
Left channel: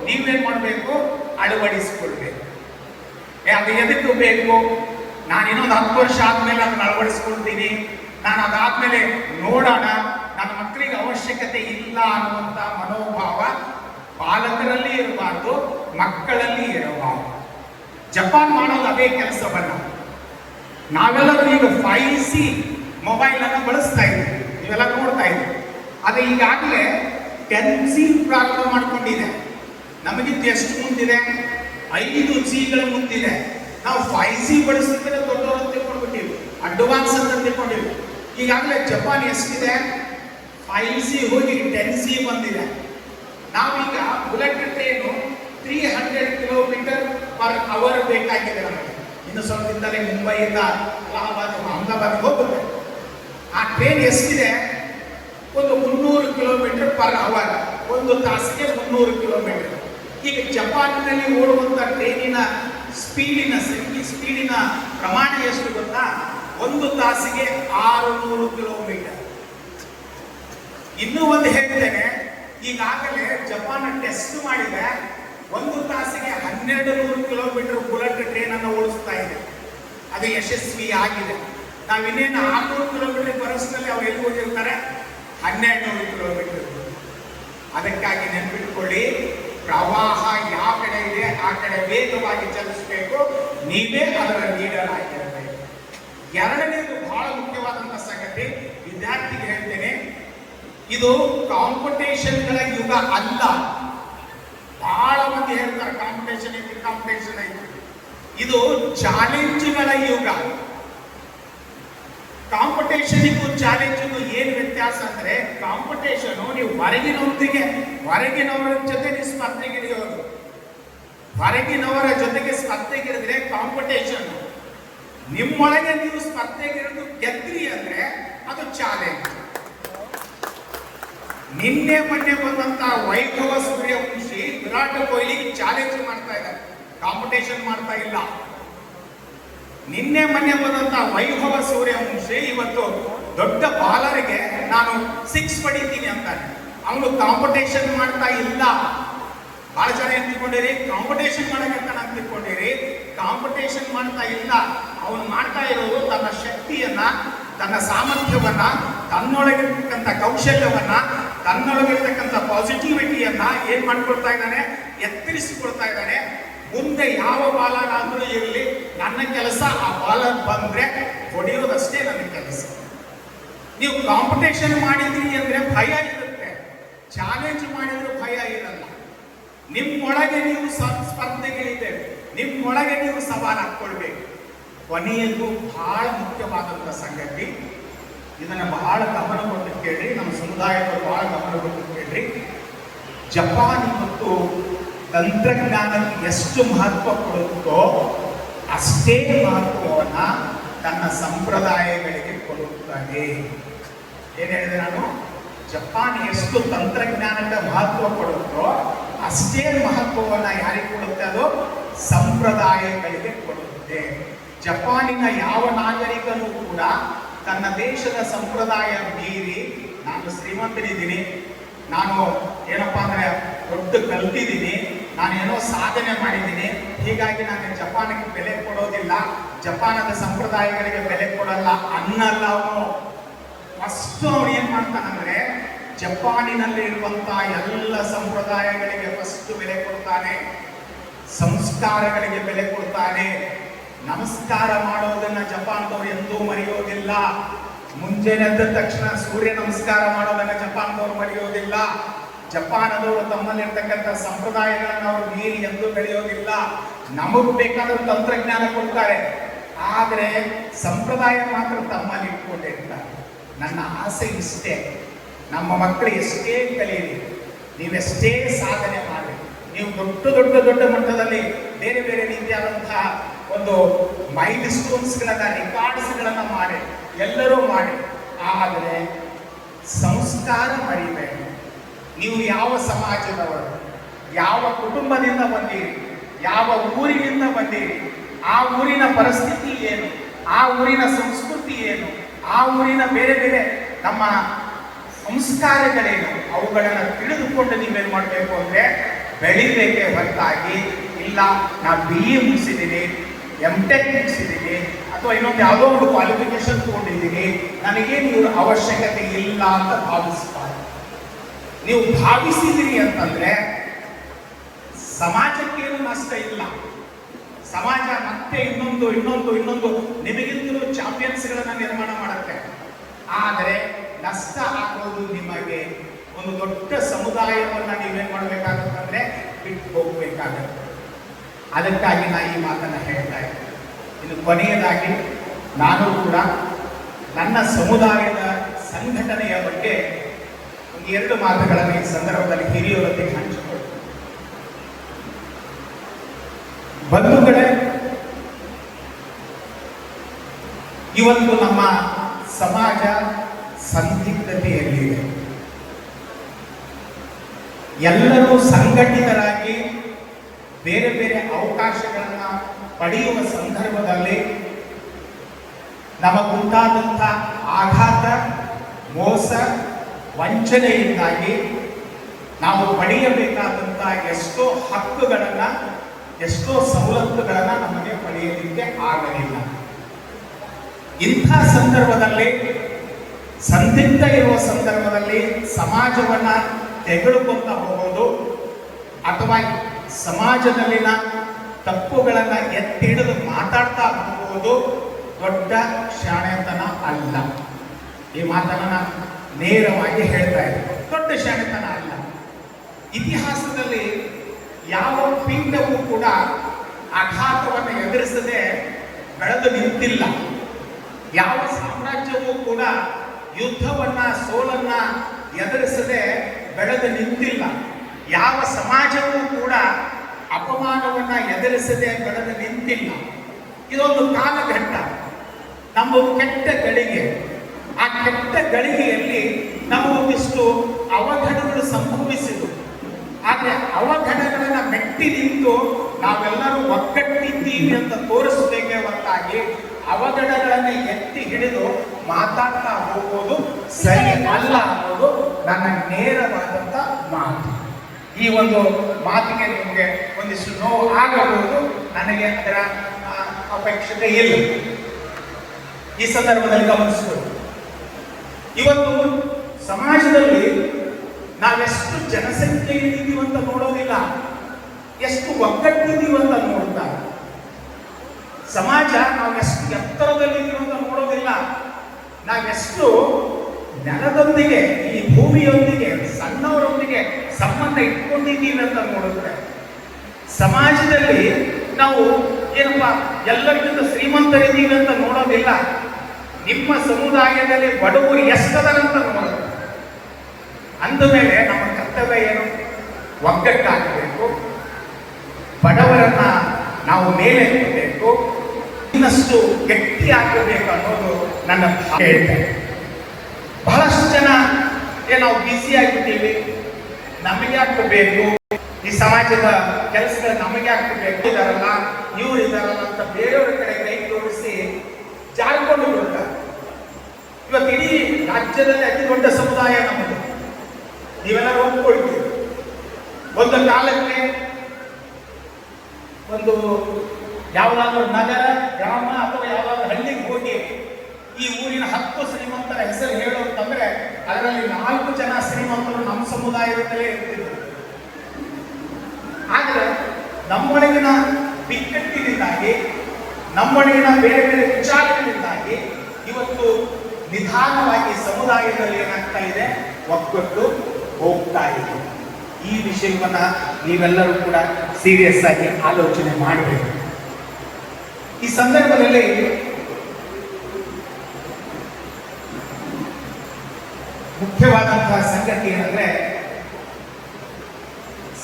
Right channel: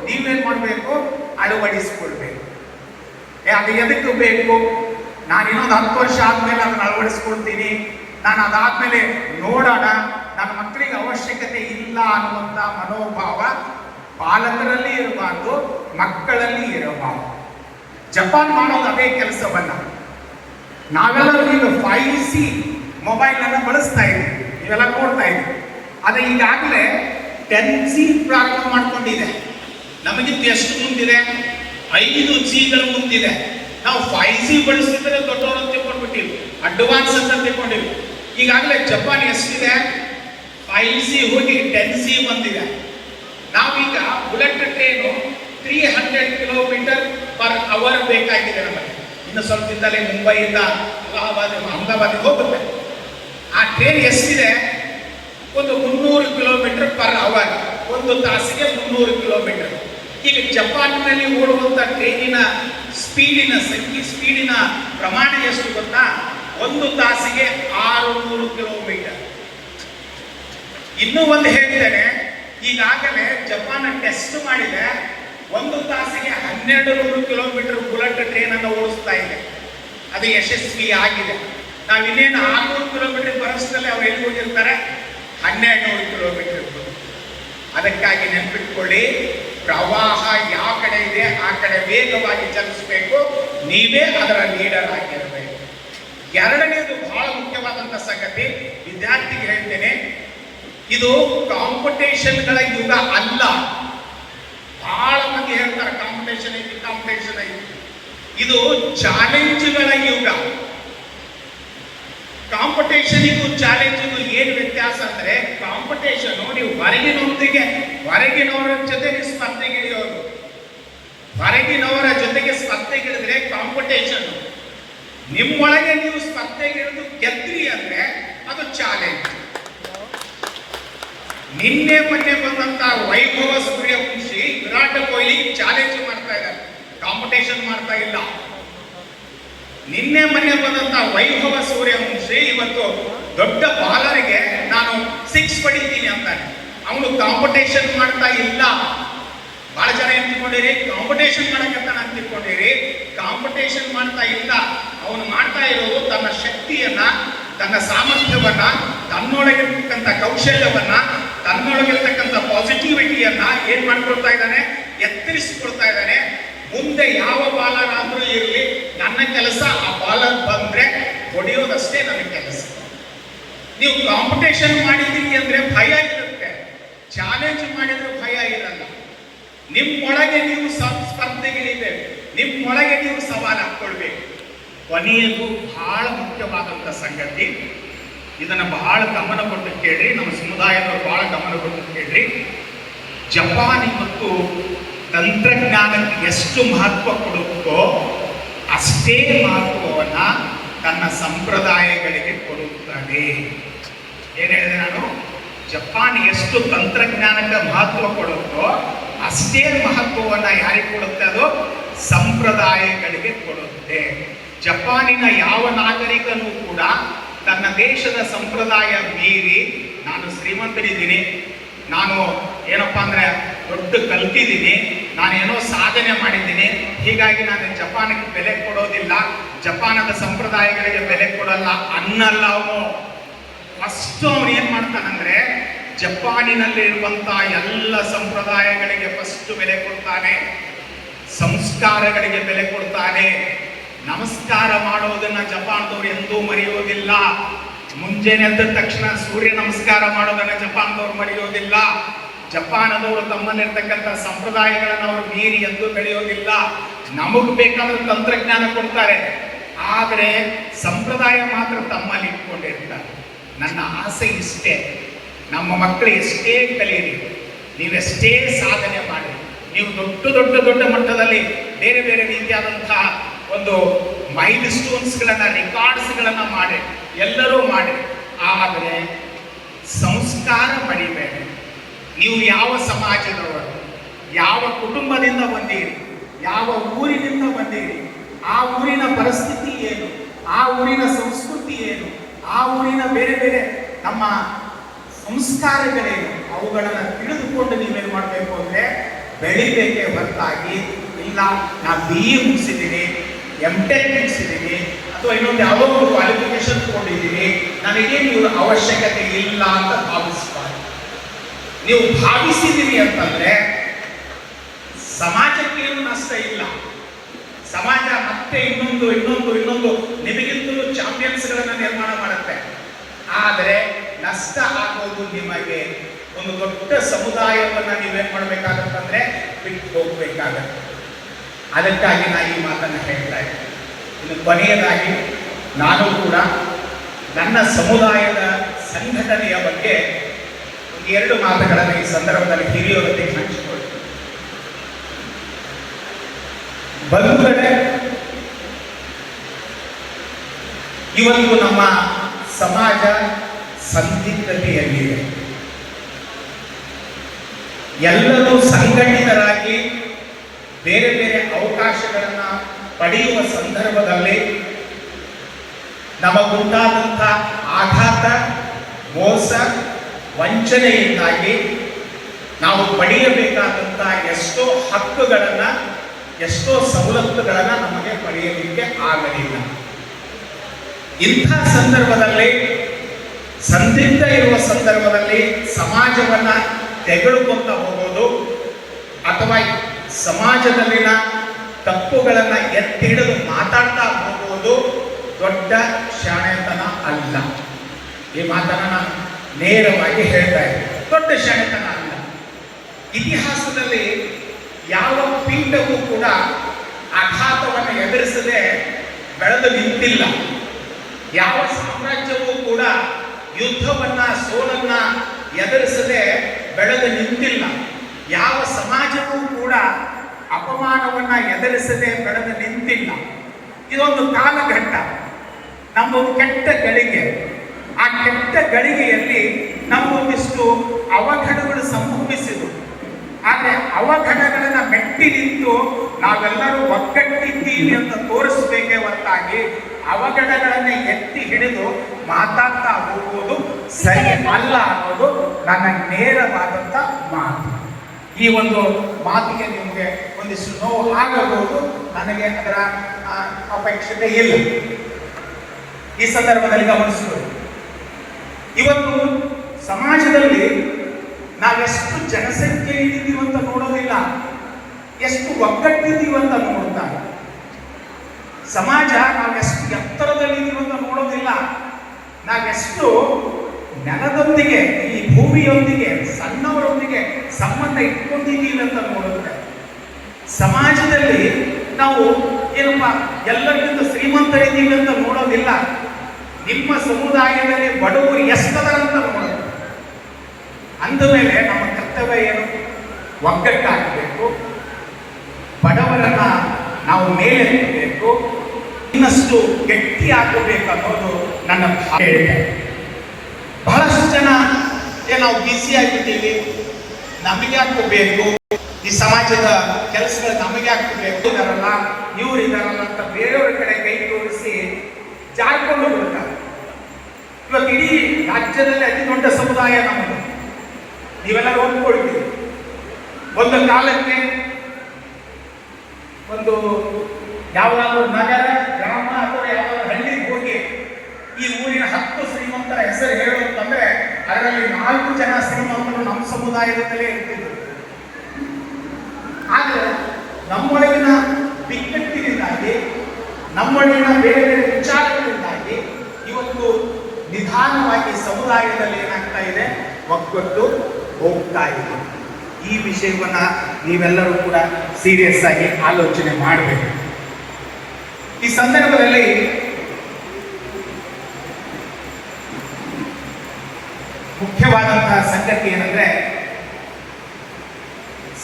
ನೀವೇನ್ ಮಾಡಬೇಕು, ಅಳವಡಿಸಿಕೊಳ್ಬೇಕು. ಅದು ಎದಕ್ಕೆ ಬೇಕು? ನಾನು ಇನ್ನೊಂದು 10 ವರ್ಷ ಆದ್ಮೇಲೆ ಅದನ್ನ ಅಳವಡಿಸ್ಕೊಳ್ತೀನಿ, ನಾನು ಅದಾದ್ಮೇಲೆ ನೋಡೋಣ, ನನ್ನ ಮಕ್ಕಳಿಗೆ ಅವಶ್ಯಕತೆ ಇಲ್ಲ ಅನ್ನುವಂತ ಮನೋಭಾವ ಪಾಲಕರಲ್ಲಿ ಇರಬಾರ್ದು, ಮಕ್ಕಳಲ್ಲಿ ಇರಬಾರ್ದು. ಜಪಾನ್ ಮಾಡೋದು ಅದೇ ಕೆಲಸವನ್ನ. ನಾವೆಲ್ಲರೂ ಈಗ 5C ಮೊಬೈಲ್ ಅನ್ನು ಬಳಸ್ತಾ ಇದ್ದೀವಿ, ನೀವೆಲ್ಲ ನೋಡ್ತಾ ಇದ್ದೀವಿ. ಅದೇ ಈಗಾಗಲೇ 10C ಪ್ರಾರಂಭ ಮಾಡ್ಕೊಂಡಿದೆ. ನಮಗಿಂತ ಎಷ್ಟು ಮುಂದಿದೆ? 5Gಗಳು ಮುಂದಿದೆ. ನಾವು 5C ಬಳಸಿದ್ರೆ ದೊಡ್ಡವರು ತಿಳ್ಕೊಂಡ್ಬಿಟ್ಟಿವಿ, ಅಡ್ವಾನ್ಸ್ ಅಂತ ತಿಳ್ಕೊಂಡಿವಿ. ಈಗಾಗಲೇ ಜಪಾನ್ ಎಷ್ಟಿದೆ? 5C ಹೋಗಿ 10C ಬಂದಿದೆ. ನಾವೀಗ bullet train 300 kilometre per hour ಬೇಕಾಗಿದೆ ನಮಗೆ. ಇನ್ನು ಸ್ವಲ್ಪ ದಿನದಲ್ಲಿ ಮುಂಬೈಯಿಂದ ಅಲಹಾಬಾದ್ ಅಹಮದಾಬಾದ್ಗೆ ಹೋಗುತ್ತೆ. ಆ ಟ್ರೈನ್ ಎಷ್ಟಿದೆ? ಒಂದು 300 ಕಿಲೋಮೀಟರ್ ಪರ್ ಅವರ್, ಒಂದು ತಾಸಿಗೆ 300 ಕಿಲೋಮೀಟರ್. ಈಗ ಜಪಾನ್ನಲ್ಲಿ ಓಡುವಂತ ಟ್ರೈನಿನ ಸ್ಪೀಡಿನ ಪ್ರಮಾಣ ಎಷ್ಟು ಗೊತ್ತಾ? ಒಂದು ತಾಸಿಗೆ 600 ಕಿಲೋಮೀಟರ್. ಇನ್ನೂ ಒಂದು ಹೇಳ್ತೇನೆ, ಈಗಾಗಲೇ ಜಪಾನ್ ಟೆಸ್ಟ್ ಮಾಡಿದೆ, ಒಂದು ತಾಸಿಗೆ 1200 ಕಿಲೋಮೀಟರ್ ಬುಲೆಟ್ ಟ್ರೈನ್ ಅನ್ನು ಓಡಿಸ್ತಾ ಇದೆ. ಅದು ಯಶಸ್ವಿ ಆಗಿದೆ. ನಾವು ಇನ್ನೇನು 600 ಕಿಲೋಮೀಟರ್ ಬರೋಷ್ಟರಲ್ಲಿ ಅವ್ರು ಎಲ್ಲಿ ಹೋಗಿರ್ತಾರೆ? 1200 ಕಿಲೋಮೀಟರ್. ಅದಕ್ಕಾಗಿ ನೆನ್ಪಿಟ್ಕೊಳ್ಳಿ, ಪ್ರವಾಹ ಯಾವ ಕಡೆ ಇದೆ ಆ ಕಡೆ ವೇಗವಾಗಿ ಚಲಿಸಬೇಕು, ನೀವೇ ಅದರ ಲೀಡರ್ ಆಗಿರಬೇಕು. ಎರಡನೇದು ಬಹಳ ಮುಖ್ಯವಾದಂತ ಸಂಗತಿ, ವಿದ್ಯಾರ್ಥಿಗೆ ಹೇಳ್ತೇನೆ, ಇದು ಕಾಂಪಿಟೇಷನ್ಗಳ ಯುಗ ಅಲ್ಲ. ಬಹಳ ಮಂದಿ ಹೇಳ್ತಾರೆ ಕಾಂಪಿಟೇಷನ್ ಐತಿ. ಇದು ಚಾಲೆಂಜ್ಗಳ ಯುಗ. ಕಾಂಪಿಟೇಷನ್ಗೂ ಚಾಲೆಂಜ್ಗೂ ಏನು ವ್ಯತ್ಯಾಸ ಅಂದ್ರೆ, ಕಾಂಪಿಟೇಷನ್ ನೀವು ಹೊರಗಿನವರ ಜೊತೆಗೆ ಸ್ಪರ್ಧೆಗಿಳಿಯೋದು. ಹೊರಗಿನವರ ಜೊತೆಗೆ ಸ್ಪರ್ಧೆಗಿಳಿದ್ರೆ ಕಾಂಪಿಟೇಷನ್. ನಿಮ್ಮೊಳಗೆ ನೀವು ಸ್ಪರ್ಧೆಗಿಳಿದು ಗೆದ್ರಿ ಅಂದ್ರೆ ಅದು ಚಾಲೆಂಜ್. ನಿನ್ನೆ ಮೊನ್ನೆ ಬಂದಂತ ವೈಭವ ಸೂರ್ಯವಂಶಿ ವಿರಾಟ್ ಕೊಹ್ಲಿ ಚಾಲೆಂಜ್ ಮಾಡ್ತಾ ಇದ್ದಾರೆ, ಕಾಂಪಿಟೇಷನ್ ಮಾಡ್ತಾ ಇಲ್ಲ. ನಿನ್ನೆ ಮೊನ್ನೆ ಬಂದಂತ ವೈಭವ ಸೂರ್ಯವಂಶಿ ಇವತ್ತು ದೊಡ್ಡ ಬಾಲರಿಗೆ ನಾನು 6 ಪಡಿತೀನಿ ಅಂತಾನೆ. ಅವನು ಕಾಂಪಿಟೇಷನ್ ಮಾಡ್ತಾ ಇಲ್ಲ. ಬಹಳ ಜನ ತಿಳ್ಕೊಂಡಿರಿ ಕಾಂಪಿಟೇಷನ್ ಮಾಡಬೇಕಂತ ನಾನು ತಿಳ್ಕೊಂಡಿರಿ. ಕಾಂಪಿಟೇಷನ್ ಮಾಡ್ತಾ ಇಲ್ಲ. ಅವನು ಮಾಡ್ತಾ ಇರೋದು ತನ್ನ ಶಕ್ತಿಯನ್ನ, ತನ್ನ ಸಾಮರ್ಥ್ಯವನ್ನ, ತನ್ನೊಳಗಿರ್ತಕ್ಕಂಥ ಕೌಶಲ್ಯವನ್ನ, ತನ್ನೊಳಗಿರ್ತಕ್ಕಂಥ ಪಾಸಿಟಿವಿಟಿಯನ್ನ ಏನ್ ಮಾಡ್ಕೊಳ್ತಾ ಇದ್ದಾನೆ? ಎತ್ತರಿಸಿಕೊಳ್ತಾ ಇದ್ದಾನೆ. ಮುಂದೆ ಯಾವ ಬಾಲರ್ ಆದ್ರೂ ಇರಲಿ, ನನ್ನ ಕೆಲಸ ಆ ಬಾಲರ್ ಬಂದ್ರೆ ಹೊಡೆಯೋದಷ್ಟೇ ನನ್ನ ಕೆಲಸ. ನೀವು ಕಾಂಪಿಟೇಷನ್ ಮಾಡಿದೀವಿ ಅಂದ್ರೆ ಭಯ ಇರುತ್ತೆ, ಚಾಲೆಂಜ್ ಮಾಡಿದ್ರೆ ಭಯ ಇರಲ್ಲ. ನಿಮ್ಮೊಳಗೆ ನೀವು ಸ್ಪರ್ಧೆಗಿಳಿಬೇಕು, ನಿಮ್ಮೊಳಗೆ ನೀವು ಸವಾಲು ಹಾಕೊಳ್ಬೇಕು. ಕೊನೆಯದು ಬಹಳ ಮುಖ್ಯವಾದಂತ ಸಂಗತಿ, ಇದನ್ನ ಬಹಳ ಗಮನ ಕೊಟ್ಟು ಕೇಳ್ರಿ, ನಮ್ಮ ಸಮುದಾಯದವರು ಬಹಳ ಗಮನ ಕೊಟ್ಟು ಕೇಳ್ರಿ. ಜಪಾನ್ ಇವತ್ತು ತಂತ್ರಜ್ಞಾನಕ್ಕೆ ಎಷ್ಟು ಮಹತ್ವ ಕೊಡುತ್ತೋ ಅಷ್ಟೇ ಮಹತ್ವವನ್ನ ತನ್ನ ಸಂಪ್ರದಾಯಗಳಿಗೆ ಕೊಡುತ್ತದೆ. ಏನ್ ಹೇಳಿದೆ ನಾನು? ಜಪಾನ್ ಎಷ್ಟು ತಂತ್ರಜ್ಞಾನಕ್ಕೆ ಮಹತ್ವ ಕೊಡುತ್ತೋ ಅಷ್ಟೇ ಮಹತ್ವವನ್ನ ಯಾರಿಗೆ ಕೊಡುತ್ತೆ? ಅದು ಸಂಪ್ರದಾಯಗಳಿಗೆ ಕೊಡುತ್ತೆ. ಜಪಾನಿನ ಯಾವ ನಾಗರಿಕನೂ ಕೂಡ ತನ್ನ ದೇಶದ ಸಂಪ್ರದಾಯ ಮೀರಿ ನಾನು ಶ್ರೀಮಂತರಿದ್ದೀನಿ, ನಾನು ಏನಪ್ಪಾ ಅಂದ್ರೆ ದೊಡ್ಡ ಕಲ್ತಿದ್ದೀನಿ, ನಾನೇನೋ ಸಾಧನೆ ಮಾಡಿದ್ದೀನಿ, ಹೀಗಾಗಿ ನಾನು ಜಪಾನಕ್ಕೆ ಬೆಲೆ ಕೊಡೋದಿಲ್ಲ, ಜಪಾನದ ಸಂಪ್ರದಾಯಗಳಿಗೆ ಬೆಲೆ ಕೊಡಲ್ಲ ಅನ್ನಲ್ಲ. ಅವನು ಫಸ್ಟ್ ಅವನು ಏನ್ ಮಾಡ್ತಾನಂದ್ರೆ ಜಪಾನಿನಲ್ಲಿರುವಂತಹ ಎಲ್ಲ ಸಂಪ್ರದಾಯಗಳಿಗೆ ಫಸ್ಟ್ ಬೆಲೆ ಕೊಡ್ತಾನೆ, ಸಂಸ್ಕಾರಗಳಿಗೆ ಬೆಲೆ ಕೊಡ್ತಾನೆ. ನಮಸ್ಕಾರ ಮಾಡೋದನ್ನ ಜಪಾನ್ದವ್ರು ಎಂದೂ ಮರೆಯೋದಿಲ್ಲ. ಮುಂಜಾನೆ ಎದ್ದ ತಕ್ಷಣ ಸೂರ್ಯ ನಮಸ್ಕಾರ ಮಾಡೋದನ್ನ ಜಪಾನ್ದವ್ರು ಮರೆಯೋದಿಲ್ಲ. ಜಪಾನದವರು ತಮ್ಮಲ್ಲಿರ್ತಕ್ಕಂಥ ಸಂಪ್ರದಾಯಗಳನ್ನು ಅವರು ಮೀರಿ ಎಂದೂ ಬೆಳೆಯೋದಿಲ್ಲ. ನಮಗ್ ಬೇಕಾದ ತಂತ್ರಜ್ಞಾನ ಕೊಡ್ತಾರೆ, ಆದರೆ ಸಂಪ್ರದಾಯ ಮಾತ್ರ ತಮ್ಮಲ್ಲಿ ಇಟ್ಕೊಂಡಿರ್ತಾರೆ. ನನ್ನ ಆಸೆ ಇಷ್ಟೇ, ನಮ್ಮ ಮಕ್ಕಳು ಎಷ್ಟೇ ಕಲೀರಿ, ನೀವೆಷ್ಟೇ ಸಾಧನೆ ಮಾಡಿ, ನೀವು ದೊಡ್ಡ ದೊಡ್ಡ ದೊಡ್ಡ ಮಟ್ಟದಲ್ಲಿ ಬೇರೆ ಬೇರೆ ರೀತಿಯಾದಂತಹ ಒಂದು ಮೈಲ್ ಸ್ಟೋನ್ಸ್ಗಳನ್ನ, ರೆಕಾರ್ಡ್ಸ್ಗಳನ್ನ ಮಾಡಿ, ಎಲ್ಲರೂ ಮಾಡಿ, ಆದರೆ ಸಂಸ್ಕಾರ ಮರಿಬೇಡಿ. ನೀವು ಯಾವ ಸಮಾಜದವರು, ಯಾವ ಕುಟುಂಬದಿಂದ ಬಂದಿರಿ, ಯಾವ ಊರಿನಿಂದ ಬಂದಿರಿ, ಆ ಊರಿನ ಪರಿಸ್ಥಿತಿ ಏನು, ಆ ಊರಿನ ಸಂಸ್ಕೃತಿ ಏನು, ಆ ಊರಿನ ಬೇರೆ ಬೇರೆ ನಮ್ಮ ಸಂಸ್ಕಾರಗಳೇನು, ಅವುಗಳನ್ನು ತಿಳಿದುಕೊಂಡು ನೀವೇನು ಮಾಡಬೇಕು ಅಂದರೆ ಬೆಳಿಬೇಕೆ ಹೊರತಾಗಿ ಇಲ್ಲ ನಾನು BA ಮುಗಿಸಿದ್ದೀನಿ, MTech ಮುಗಿಸಿದ್ದೀನಿ ಅಥವಾ ಇನ್ನೊಂದು ಯಾವುದೋ ಒಂದು ಕ್ವಾಲಿಫಿಕೇಶನ್ ತಗೊಂಡಿದ್ದೀನಿ, ನನಗೇನು ಇವ್ರ ಅವಶ್ಯಕತೆ ಇಲ್ಲ ಅಂತ ಭಾವಿಸ್ಬಾರ್ದು. ನೀವು ಭಾವಿಸಿದ್ದೀರಿ ಅಂತಂದ್ರೆ ಸಮಾಜಕ್ಕೆ ಏನು ನಷ್ಟ ಇಲ್ಲ. ಸಮಾಜ ಮತ್ತೆ ಇನ್ನೊಂದು ಇನ್ನೊಂದು ಇನ್ನೊಂದು ನಿಮಗಿಂತಲೂ ಚಾಂಪಿಯನ್ಸ್ಗಳನ್ನ ನಿರ್ಮಾಣ ಮಾಡುತ್ತೆ. ಆದರೆ ನಷ್ಟ ಆಗೋದು ನಿಮಗೆ. ಒಂದು ದೊಡ್ಡ ಸಮುದಾಯವನ್ನ ನೀವೇನ್ ಮಾಡಬೇಕಾಗತ್ತಂದ್ರೆ ಬಿಟ್ಟು ಹೋಗ್ಬೇಕಾಗತ್ತೆ. ಅದಕ್ಕಾಗಿ ನಾನು ಈ ಮಾತನ್ನು ಹೇಳ್ತಾ ಇದ್ದೆ. ಇನ್ನು ಕೊನೆಯದಾಗಿ ನಾನು ಕೂಡ ನನ್ನ ಸಮುದಾಯದ ಸಂಘಟನೆಯ ಬಗ್ಗೆ ಒಂದು 2 ಮಾತುಗಳನ್ನು ಈ ಸಂದರ್ಭದಲ್ಲಿ ಹಿರಿಯರೊಂದಿಗೆ ಹಂಚಿಕೊಳ್ಳಿ. ಬಂಧುಗಳೇ, ಇವತ್ತು ನಮ್ಮ ಸಮಾಜ ಸಂದಿಗ್ಧತೆಯಲ್ಲಿದೆ. ಎಲ್ಲರೂ ಸಂಘಟಿತರಾಗಿ ಬೇರೆ ಬೇರೆ ಅವಕಾಶಗಳನ್ನ ಪಡೆಯುವ ಸಂದರ್ಭದಲ್ಲಿ ನಮಗುಂಟಾದಂಥ ಆಘಾತ, ಮೋಸ, ವಂಚನೆಯಿಂದಾಗಿ ನಾವು ಪಡೆಯಬೇಕಾದಂಥ ಎಷ್ಟೋ ಹಕ್ಕುಗಳನ್ನ, ಎಷ್ಟೋ ಸವಲತ್ತುಗಳನ್ನ ನಮಗೆ ಪಡೆಯಲಿಕ್ಕೆ ಆಗಲಿಲ್ಲ. ಇಂಥ ಸಂದರ್ಭದಲ್ಲಿ, ಸಂದಿಗ್ಧ ಇರುವ ಸಂದರ್ಭದಲ್ಲಿ ಸಮಾಜವನ್ನ ತೆಗೆದುಕೊಂತ ಹೋಗೋದು ಅಥವಾ ಸಮಾಜದಲ್ಲಿನ ತಪ್ಪುಗಳನ್ನ ಎತ್ತಿ ಹಿಡಿದು ಮಾತಾಡ್ತಾ ಹೋಗುವುದು ದೊಡ್ಡ ಶಾಣೆತನ ಅಲ್ಲ. ಈ ಮಾತನ್ನ ನಾನು ನೇರವಾಗಿ ಹೇಳ್ತಾ ಇದ್ದೀನಿ, ದೊಡ್ಡ ಶಾಣೆತನ ಅಲ್ಲ. ಇತಿಹಾಸದಲ್ಲಿ ಯಾವ ಪೀಠವೂ ಕೂಡ ಆಘಾತವನ್ನು ಎದುರಿಸದೆ ಬೆಳೆದು ನಿಂತಿಲ್ಲ. ಯಾವ ಸಾಮ್ರಾಜ್ಯವೂ ಕೂಡ ಯುದ್ಧವನ್ನ, ಸೋಲನ್ನ ಎದುರಿಸದೆ ಬೆಳೆದು ನಿಂತಿಲ್ಲ. ಯಾವ ಸಮಾಜವೂ ಕೂಡ ಅಪಮಾನವನ್ನ ಎದುರಿಸದೆ ಬೆಳೆದು ನಿಂತಿಲ್ಲ. ಇದೊಂದು ಕಾಲಘಟ್ಟ, ನಮ್ಮ ಕೆಟ್ಟ ಗಳಿಗೆ. ಆ ಕೆಟ್ಟ ಗಳಿಗೆಯಲ್ಲಿ ನಮಗೊಂದಿಷ್ಟು ಅವಘಡಗಳು ಸಂಭವಿಸಿದವು. ಆದರೆ ಅವಘಡಗಳನ್ನ ಮೆಟ್ಟಿ ನಿಂತು ನಾವೆಲ್ಲರೂ ಒಗ್ಗಟ್ಟಿದ್ದೀವಿ ಅಂತ ತೋರಿಸಬೇಕೇ ಹೊರತಾಗಿ ಅವಘಡಗಳನ್ನ ಎತ್ತಿ ಹಿಡಿದು ಮಾತಾಡ್ತಾ ಹೋಗುವುದು ಸರಿ ಅಲ್ಲ ಅನ್ನೋದು ನನ್ನ ನೇರವಾದಂಥ ಮಾತು. ಈ ಒಂದು ಮಾತಿಗೆ ನಿಮಗೆ ಒಂದಿಷ್ಟು ನೋವು ಆಗಬಹುದು, ನನಗೆ ಅದರ ಅಪೇಕ್ಷತೆ ಇಲ್ಲ. ಈ ಸಂದರ್ಭದಲ್ಲಿ ಗಮನಿಸಬಹುದು, ಇವತ್ತು ಸಮಾಜದಲ್ಲಿ ನಾವೆಷ್ಟು ಜನಸಂಖ್ಯೆ ಇದ್ದೀವಿ ಅಂತ ನೋಡೋದಿಲ್ಲ, ಎಷ್ಟು ಒಗ್ಗಟ್ಟಿದ್ದೀವಿ ಅಂತ ನೋಡುತ್ತಾರೆ. ಸಮಾಜ ನಾವೆಷ್ಟು ಎತ್ತರದಲ್ಲಿದ್ದೀವಿ ಅಂತ ನೋಡೋದಿಲ್ಲ, ನಾವೆಷ್ಟು ನೆಲದೊಂದಿಗೆ, ಈ ಭೂಮಿಯೊಂದಿಗೆ, ಸಣ್ಣವರೊಂದಿಗೆ ಸಂಬಂಧ ಇಟ್ಕೊಂಡಿದ್ದೀವಿ ಅಂತ ನೋಡುತ್ತೆ. ಸಮಾಜದಲ್ಲಿ ನಾವು ಏನಪ್ಪ ಎಲ್ಲರಿಗಿಂತ ಶ್ರೀಮಂತರಿದ್ದೀವಿ ಅಂತ ನೋಡೋದಿಲ್ಲ. ನಿಮ್ಮ ಸಮುದಾಯದಲ್ಲಿ ಬಡವರು ಎಷ್ಟದರಂತ ನೋಡೋದು. ಅಂದ ಮೇಲೆ ನಮ್ಮ ಕರ್ತವ್ಯ ಏನು? ಒಗ್ಗಟ್ಟಾಗಬೇಕು, ಬಡವರನ್ನ ನಾವು ಮೇಲೆತ್ತಬೇಕು, ಇನ್ನಷ್ಟು ಗಟ್ಟಿ ಆಗಬೇಕು ಅನ್ನೋದು ನನ್ನ ಭಾವನೆ. ಬಹಳಷ್ಟು ಜನ ನಾವು ಬಿಸಿ ಆಗಿದ್ದೀವಿ, ನಮಗೆ ಹಾಕಬೇಕು, ಈ ಸಮಾಜದ ಕೆಲಸಗಳು ನಮಗೆ ಹಾಕಬೇಕು, ಇದಾರಲ್ಲ ಇವ್ರು ಇದಾರಲ್ಲ ಅಂತ ಬೇರೆಯವ್ರ ಕಡೆ ಕೈ ತೋರಿಸಿ ಜಾರಿಕೊಂಡು ಬಿಡ್ತಾರೆ. ಇವತ್ತು ಇಡೀ ರಾಜ್ಯದಲ್ಲಿ ಅತಿ ದೊಡ್ಡ ಸಮುದಾಯ ನಮ್ಮದು, ನೀವೆಲ್ಲರೂ ಒಪ್ಕೊಳ್ತೀವಿ. ಒಂದು ಕಾಲಕ್ಕೆ ಒಂದು ಯಾವುದಾದ್ರೂ ನಗರ, ಗ್ರಾಮ ಅಥವಾ ಯಾವ್ದಾದ್ರು ಹಳ್ಳಿಗೆ ಹೋಗಿ ಈ ಊರಿನ 10 ಶ್ರೀಮಂತರ ಹೆಸರು ಹೇಳು ಅಂತಂದ್ರೆ ಅದರಲ್ಲಿ 4 ಜನ ಶ್ರೀಮಂತರು ನಮ್ಮ ಸಮುದಾಯದಲ್ಲೇ ಇರ್ತಿದ್ರು. ಆದರೆ ನಮ್ಮೊಳಗಿನ ಬಿಕ್ಕಟ್ಟಿನಿಂದಾಗಿ, ನಮ್ಮೊಳಗಿನ ಬೇರೆ ಬೇರೆ ವಿಚಾರಗಳಿಂದಾಗಿ ಇವತ್ತು ನಿಧಾನವಾಗಿ ಸಮುದಾಯದಲ್ಲಿ ಏನಾಗ್ತಾ ಇದೆ, ಒಗ್ಗಟ್ಟು ಹೋಗ್ತಾ ಇದೆ. ಈ ವಿಷಯವನ್ನ ನೀವೆಲ್ಲರೂ ಕೂಡ ಸೀರಿಯಸ್ ಆಗಿ ಆಲೋಚನೆ ಮಾಡಬೇಕು. ಈ ಸಂದರ್ಭದಲ್ಲಿ ಮುಖ್ಯವಾದಂತಹ ಸಂಗತಿ ಏನಂದ್ರೆ,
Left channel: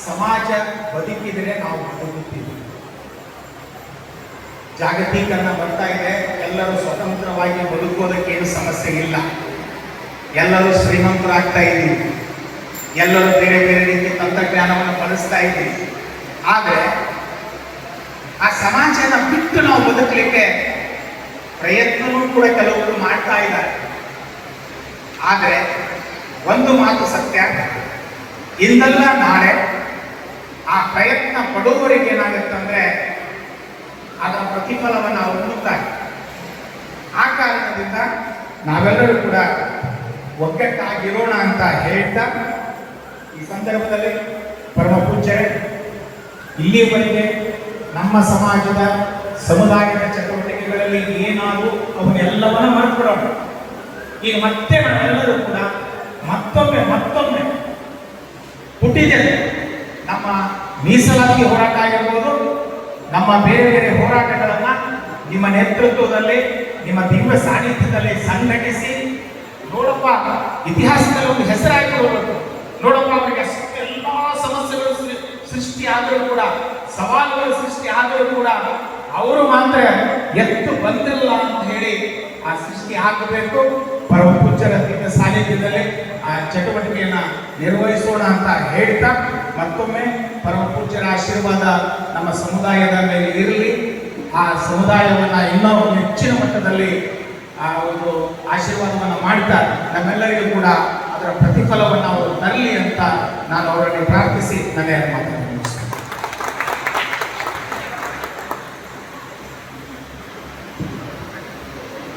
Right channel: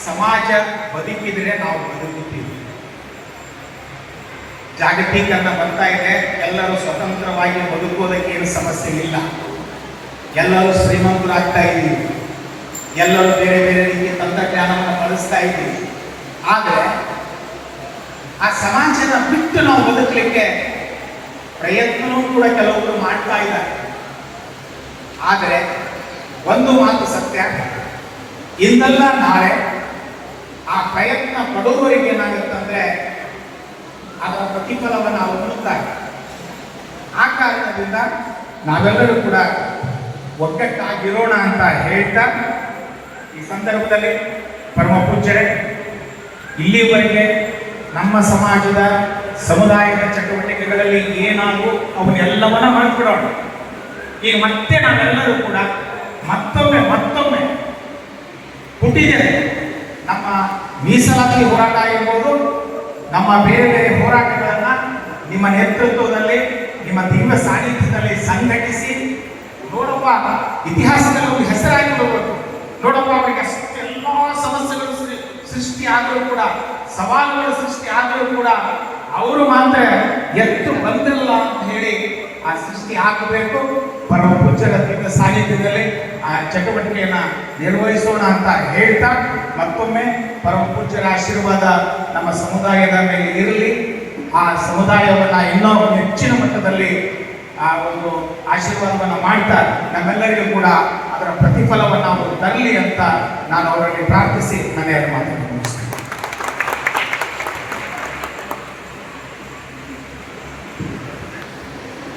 ಸಮಾಜ ಬದುಕಿದ್ರೆ ನಾವು ಬದುಕುತ್ತೀವಿ. ಜಾಗತೀಕರಣ ಬರ್ತಾ ಇದೆ, ಎಲ್ಲರೂ ಸ್ವತಂತ್ರವಾಗಿ ಬದುಕೋದಕ್ಕೆ ಏನು ಸಮಸ್ಯೆ ಇಲ್ಲ. ಎಲ್ಲರೂ ಶ್ರೀಮಂತರಾಗ್ತಾ ಇದ್ದೀವಿ, ಎಲ್ಲರೂ ಬೇರೆ ಬೇರೆ ರೀತಿಯ ತಂತ್ರಜ್ಞಾನವನ್ನು ಬಳಸ್ತಾ ಇದ್ದೀವಿ. ಆದರೆ ಆ ಸಮಾಜನ ಬಿಟ್ಟು ನಾವು ಬದುಕಲಿಕ್ಕೆ ಪ್ರಯತ್ನವೂ ಕೂಡ ಕೆಲವರು ಮಾಡ್ತಾ ಇದ್ದಾರೆ. ಆದರೆ ಒಂದು ಮಾತು ಸತ್ಯ, ಇಂದಲ್ಲ ನಾಳೆ ಆ ಪ್ರಯತ್ನ ಪಡುವವರಿಗೆ ಏನಾಗುತ್ತಂದ್ರೆ ಅದರ ಪ್ರತಿಫಲವನ್ನು ಅವರು ನೋಡ್ತಾರೆ. ಆ ಕಾರಣದಿಂದ ನಾವೆಲ್ಲರೂ ಕೂಡ ಒಗ್ಗಟ್ಟಾಗಿರೋಣ ಅಂತ ಹೇಳ್ತಾ, ಈ ಸಂದರ್ಭದಲ್ಲಿ ಪರಮ ಪೂಜ್ಯರೇ, ಇಲ್ಲಿವರೆಗೆ ನಮ್ಮ ಸಮಾಜದ ಸಮುದಾಯದ ಚಟುವಟಿಕೆಗಳಲ್ಲಿ ಏನಾದರೂ ಅವನ್ನೆಲ್ಲವನ್ನ ಮರೆತುಬಿಡೋಣ. ಈಗ ಮತ್ತೆ ನಾವೆಲ್ಲರೂ ಕೂಡ ಮತ್ತೊಮ್ಮೆ ಹುಟ್ಟಿದ್ದೇವೆ. ನಮ್ಮ ಮೀಸಲಾತಿ ಹೋರಾಟ ಆಗಿರ್ಬೋದು, ನಮ್ಮ ಬೇರೆ ಬೇರೆ ಹೋರಾಟಗಳನ್ನ ನಿಮ್ಮ ನೇತೃತ್ವದಲ್ಲಿ, ನಿಮ್ಮ ದಿವ್ಯ ಸಾನ್ನಿಧ್ಯದಲ್ಲಿ ಸಂಘಟಿಸಿ, ನೋಡಪ್ಪ ಇತಿಹಾಸದಲ್ಲಿ ಒಂದು ಹೆಸರಾಗಿ ಹೋಗಬೇಕು. ನೋಡಪ್ಪ ಅವರಿಗೆ ಎಲ್ಲ ಸಮಸ್ಯೆಗಳು ಸೃಷ್ಟಿ ಆದರೂ ಕೂಡ, ಸವಾಲುಗಳು ಸೃಷ್ಟಿ ಆದರೂ ಕೂಡ ಅವರು ಮಾತ್ರ ಎತ್ತು ಬಂದಿಲ್ಲ ಅಂತ ಹೇಳಿ ಆ ಸೃಷ್ಟಿ ಆಗಬೇಕು. ಪರಮ ಪೂಜ್ಯರ ದಿವ್ಯ ಸಾನ್ನಿಧ್ಯದಲ್ಲಿ ಆ ಚಟುವಟಿಕೆಯನ್ನ ನಿರ್ವಹಿಸೋಣ ಅಂತ ಹೇಳ್ತಾ, ಮತ್ತೊಮ್ಮೆ ಪರಮ ಪೂಜ್ಯರ ಆಶೀರ್ವಾದ ನಮ್ಮ ಸಮುದಾಯದ ಮೇಲೆ ಇರಲಿ. ಆ ಸಮುದಾಯವನ್ನ ಇನ್ನೂ ಹೆಚ್ಚಿನ ಮಟ್ಟದಲ್ಲಿ ಆ ಒಂದು ಆಶೀರ್ವಾದವನ್ನು ಮಾಡ್ತಾ ನಮ್ಮೆಲ್ಲರಿಗೂ ಕೂಡ ಅದರ ಪ್ರತಿಫಲವನ್ನು ಅವರು ತರಲಿ ಅಂತ ನಾನು ಅವರಲ್ಲಿ ಪ್ರಾರ್ಥಿಸಿ ನನ್ನ ಮಾತನ್ನು ಮುಗಿಸ್ತೇನೆ.